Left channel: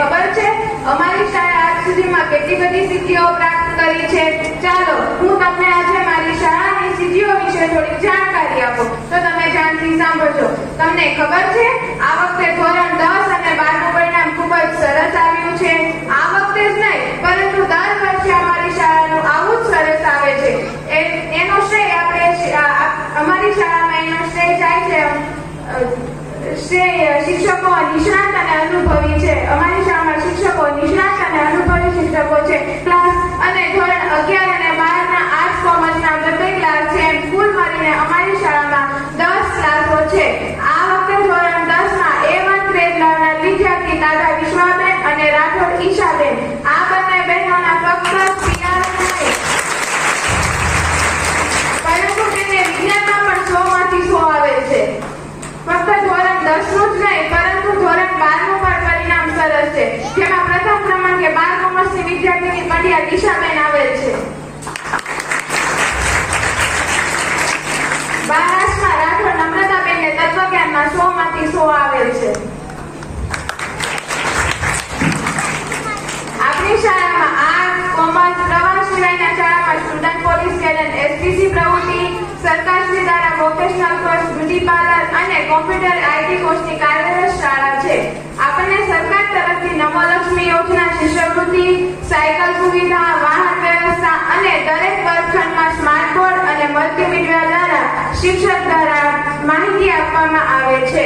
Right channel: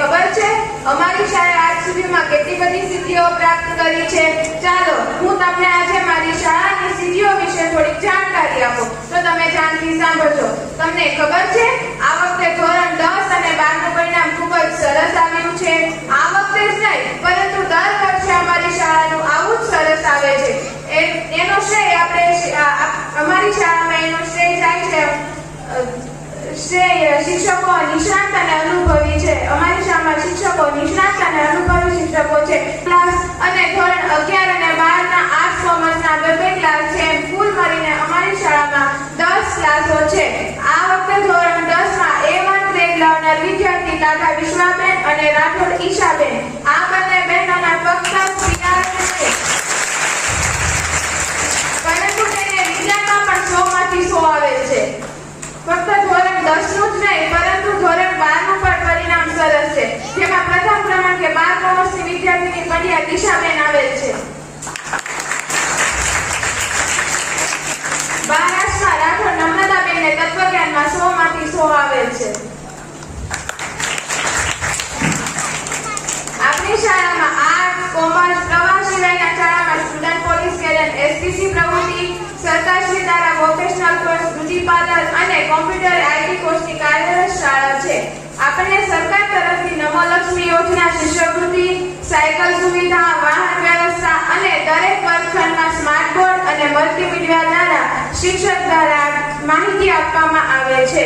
ખબર છે અમારી શાળાએ આજ સુધીમાં કેટલી બધી સિદ્ધિઓ પ્રાપ્ત કરી છે? ચાલો હું તમને આજે મારી શાળાની સિદ્ધિઓ વિશે થોડીક જાણકારી આપું તો તમે ધ્યાનથી સાંભળજો. તમને ખબર છે આ વખતે ધોરણ 10 અને 12 નું પરિણામ ખૂબ જ સરસ આવ્યું છે. આ વખતે જ નહીં પરંતુ દર વર્ષે અમારી શાળાનું આવું જ સરસ આવે છે. એનો શ્રેય અમારી શાળામાં એનો શ્રેય જાય છે શિક્ષકો નિષ્ણાત અને અનુભવી છે. અમારી શાળામાં શિક્ષકો નિષ્ણાત અને અનુભવી શિક્ષકો છે. ક્લાસ અને ધોરણ 11 અને 12 ના આર્ટ્સ કોમર્સના બબ્બે ક્લાસ છે. કુલ મળીને અમારી શાળામાં 10 ક્લાસો છે. આ વખતે ધોરણ 10 માં A1 ગ્રેડ લાવનાર વિદ્યાર્થી દાદા વિશ્વાબેન અને રાઠોડ ઈશાબેન આ બંને બહેનોના ફક્ત PR પરંતુ તેને વિજ્ઞાનમાં પણ 100 માંથી 100 આવે છે. ફક્ત ધોરણ 10 નું જ નહીં પરંતુ ધોરણ 12 નું પણ પરિણામ સરસ છે, જેમાં પ્રથમ ક્રમાંકે 12 કોમર્સની વિદ્યાર્થીની કડિયા દિશાબેન આવેલ છે. મહારાષ્ટ્રમાં રાઠોડ નમ્રતાબેનને તત્વજ્ઞાનમાં 100 માંથી 100 આવેલ છે. આપણી શાળામાં આર્ટ્સ કોમર્સ પ્રવાસ સિવાયના શાળામાં સ્ટુડન્ટ પોલીસ કેડન SPC પ્રવૃત્તિ સરકારશ્રી દ્વારા વોકેશનલ કોર્સ બ્યુટી પાર્લર અને કોમ્પ્યુટર IT કોર્સની કાર્યરત શાળા છે. આપણને સરકાર તરફથી નમોલક્ષ્મી યોજના શિષ્યવૃત્તિ સાયકલ સુવિધા વાહન વ્યવસ્થા અને દરેક વર્ગખંડમાં સ્માર્ટ બોર્ડ અને મલ્ટીમીડિયા દ્વારા શિક્ષક દ્વારા માહિતી આપવામાં આવે છે.